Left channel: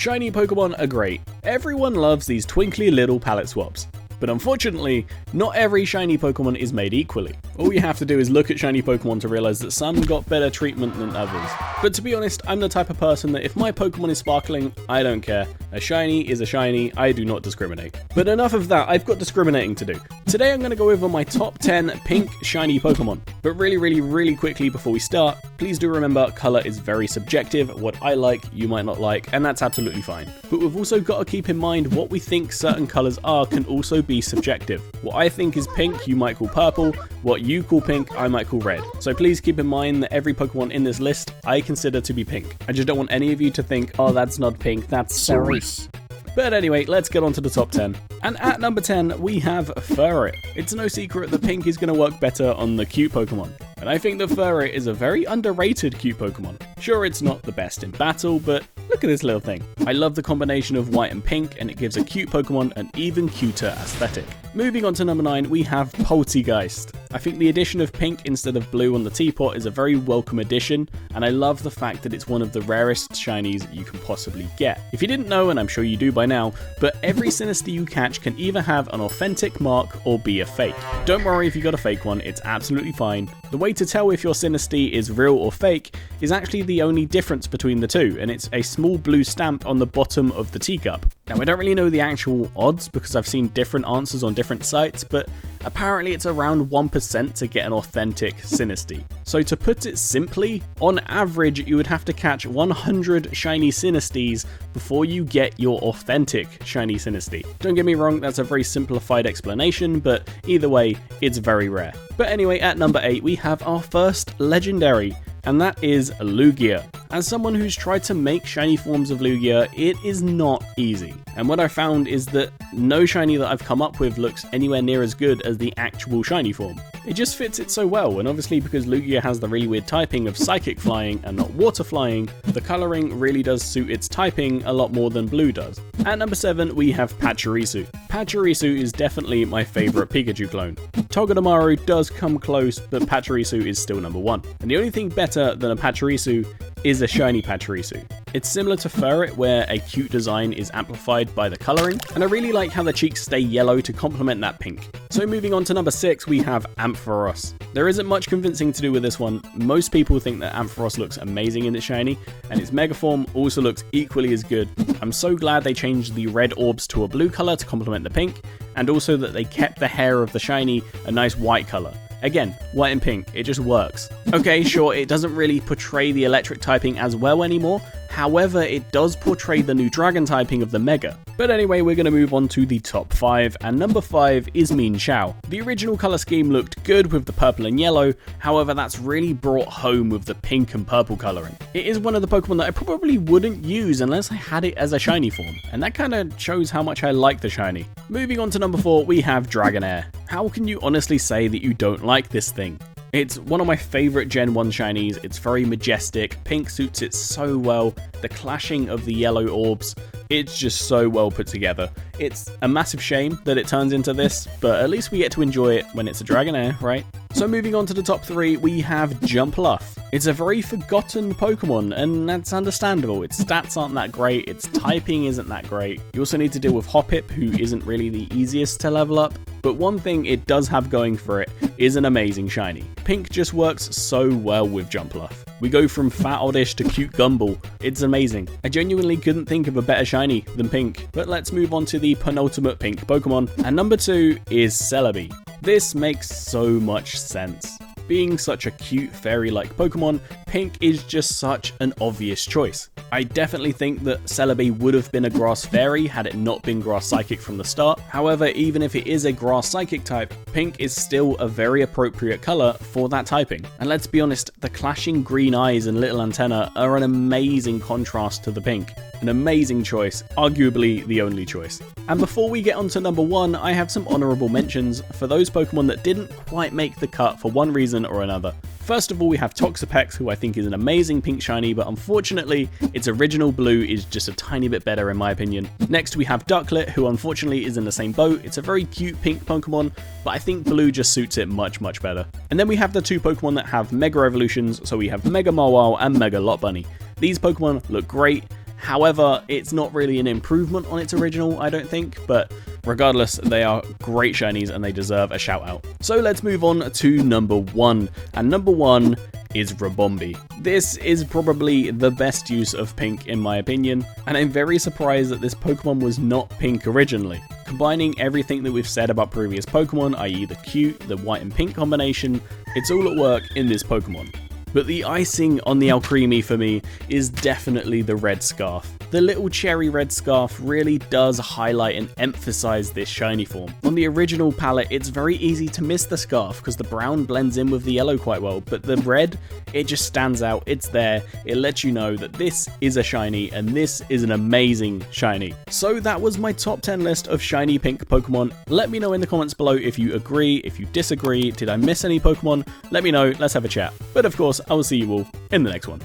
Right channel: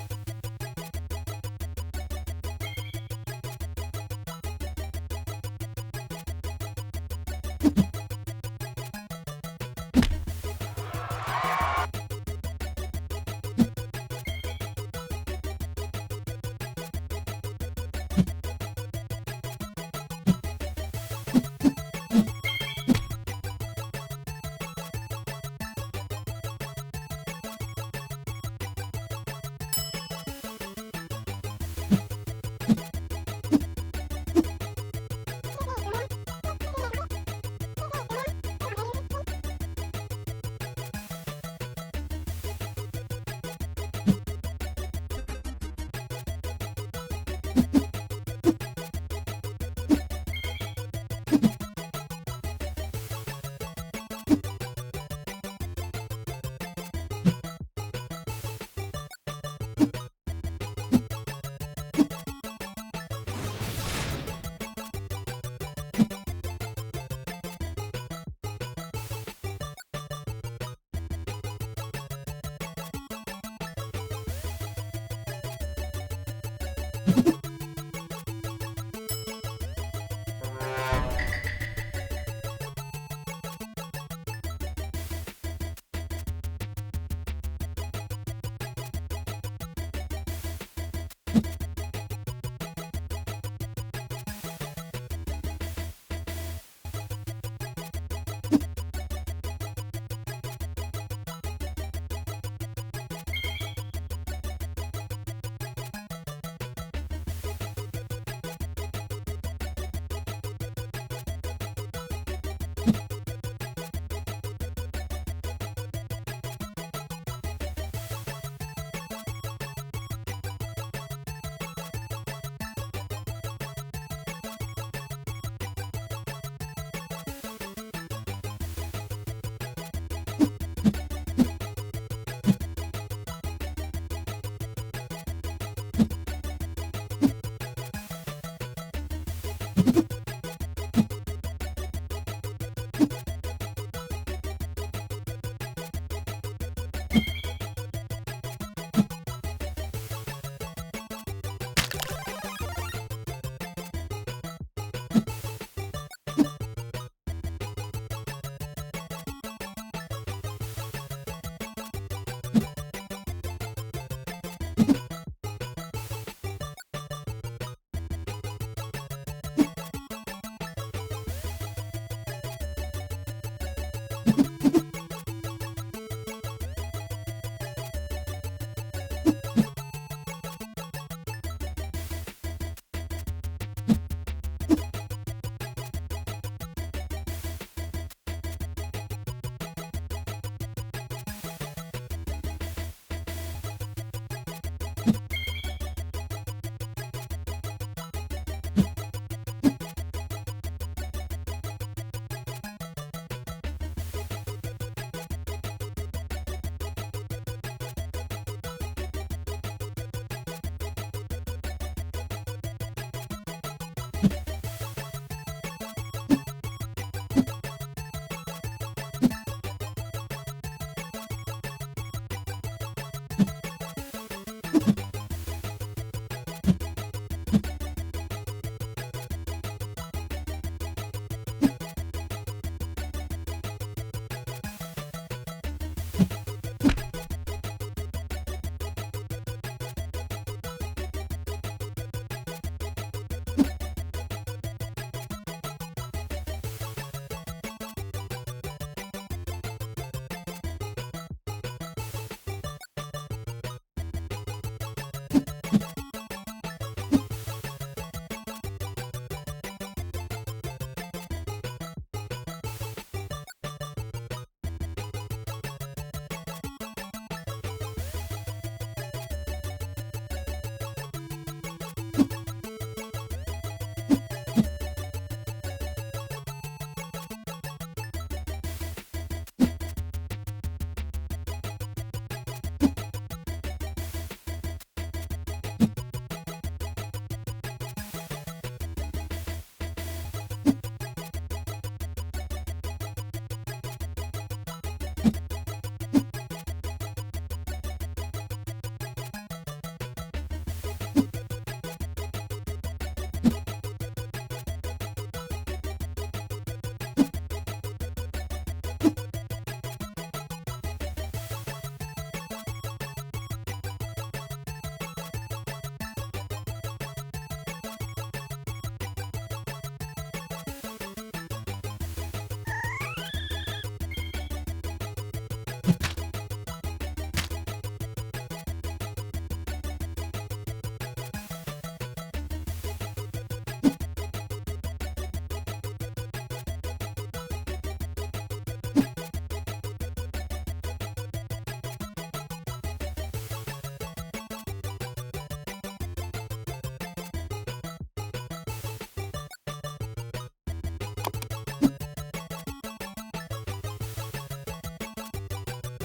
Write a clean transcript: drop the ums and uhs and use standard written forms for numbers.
Shiny Pokemon are great. Everyone loves these twinkly little palette swaps. But unfortunately, not every shiny Pokemon is made equally. All you have to do is look at shiny Pokemon to realize that some got better treatment than others. But to be honest, I'm the type of person that if my Pokemon is sparkling, I don't care. A shiny is a shiny, I do not discriminate. But enough of that, I've got discriminating to do. Today I'm going to go over my top 10 pink shiny Pokemon. But really quickly before we start, please do remember colour is very subjective. What I like, you might not like, and that's absolutely fine. But we've also got to keep in mind what we think certain colours are can also be subjective. What I think is pink, you might call purple. What you call pink, I might call red. So please keep in mind that every Pokemon in this list, I consider to be pink. I just don't want any of you to think, oh, that's not pink, that's cerise. But anyway, let's get on to the top 10. And at number 10, we have Furry. It's no secret that pink is going to work better on the cute Pokemon. And I think that Furry is a very underrated cute Pokemon. Sure, it's not the best in battle, but look at this little thing. I love the combination of white and pink, and it gives a cute Pokemon an even cuter aesthetic. Moving on to number 9, we have Poltigeist. I think the addition of pink instead of blue on the teapot is a very welcome addition, and I love the fact that it's one of the rarest shinies you can possibly get. If you didn't know, and I'm sure you do by now, but every Sinistea you catch can either have an authentic mark or be a fake. Don't worry if you got a fake one, it's absolutely fine. The way to tell if your Sinistea is real or fake is actually the only difference between the two, and it's a small blue stamp on the bottom of the teacup. Now, I don't really know the actual odds because I've seen different answers on different sites, but apparently it's around 1% to get an authentic Sinistea. So to put it simply, on average you would have to catch 100 shiny Sinesteas before you get your authentic shiny Sinistea. Don't get me wrong, that's a very simplified explanation, but either way, it's very rare. But anyway, at number 8 we have our first legendary, and that is Lugia. As someone who's tried to make shiny forms of Lugia, it is not easy. And what I found is that no shiny that I've come up with looks anywhere near as good as the actual shiny form. It just fits it so well, and obviously because Lugia has the really weird typing of psychic flying and not water flying, the colouring really does suit its typing a lot more than blue does. At number 7 we have Pachurisu. Pachurisu is definitely my favourite Pikachu clone. Togedemaru does come close, but Pachurisu is still number 1. And the only thing better than a Pachurisu is a shiny Pachurisu. It's similar to Furret, where a cute design is amplified by the colouring, and I really like how the cheeks stay yellow to complement that pink. So moving on to number 6, we have Amphoros. There isn't much convincing to do with this one. Most people think that Amphoros looks amazing in its shiny, and its mega form also looks equally as good. I'm so glad they changed the red orbs to a blue colour to complement the pink, and also that they kept the hair of the shiny a nice white colour. Again, white and pink, it just works. Okay, sure, it doesn't really portray the electric typing as well anymore, however, it does portray the new dragon typing of the Mega. But anyway, we're going to move on to the top 5, and number 5 is Mean Chow. The original colour scheme looked good with the purple and yellow, however that's really brought home with the pink and purple colouring. It is one of the Pokemon that I probably wouldn't use unless I had it as a shiny form, and that kind of shows how much I like the shiny. Moving on to number 4, we have Dragonair. How can you honestly say that you don't like this thing? It's one of my favourite Gen 1 shinies. It's very majestic, pink suits it so well, the clashing of the yellow orbs, it's just so well put together. It's a massive shame that it turns into this, but at least we get to enjoy it when it's a Dragonair, right? So moving on to the top 3, we have Jumpluff. It's a very forgotten Pokemon, and that's understandable. Its stats aren't that great, its typing isn't that great. You also need to deal with Hoppip, who isn't really the easiest to level up, but one thing it does have going for it is an amazing shiny. Pink just works so well with Jumpluff. We go from fat oddish to cute Gumball. It's amazing. I genuinely couldn't think of a better shiny than Pink. But let's move on to the penultimate Pink Pokemon, and number 2 is Celebi. This makes so much sense. Being such a cute fairy-like Pokemon, Pink is just such an obvious choice. I definitely think that Celebi would have been a Grass Fairy had it not been Grass Psychic from the start. However, even if it is a Grass Psychic type, Pink is still a very appropriate colour for that typing. And let's be honest, the clashing green eyes and little antenna are an amazing contrast to the pink. An amazing choice, arguably the only choice. And before we get on to number 1, I have some honourable mentions for those Pokemon that didn't quite make the cut for one reason or another. First of all, we have Toxapex, who I think is an amazing pink shiny, but unfortunately, its original blue is just a tiny bit better in my opinion. Next, we have Ducklet, who unfortunately is in the same boat. It's a very cute pink Pokemon, but I think blue just suits it much better. And then we have the 2 Pokemon that have Mega Evolutions, so we have Mega Mawile and Mega Lot Bunny. These Pokemon look great. However, it's not really an improvement on its original, I don't think, but regardless, they are great shinies and they deserve a shout out. So let's move on to number 1, and number 1 is Rabombi. This is probably the best use of pink in my opinion, and I'm very surprised that this Pokemon was not pink originally. Combining everything that we've said about previous Pokemon, i.e. the cute, the white and pink combination, it's all at work in this Pokemon. But the icing on the Alcremie for me is definitely the red scarf. The little cherry red scarf really does highlight and emphasize this shiny form. On the original palette, it's very easy to miss the scarf because the brown blends in with the yellow quite well, but the red, it just stands out, it's there, it lets you know that this is a shiny and this is an amazing shiny. So that was my top 10 list of shiny pink Pokemon. Let me know in the comments below if you agree, if you disagree, did I miss any Pokemon? Let me know, let's have a chat. But of course, I will see you all in the next one.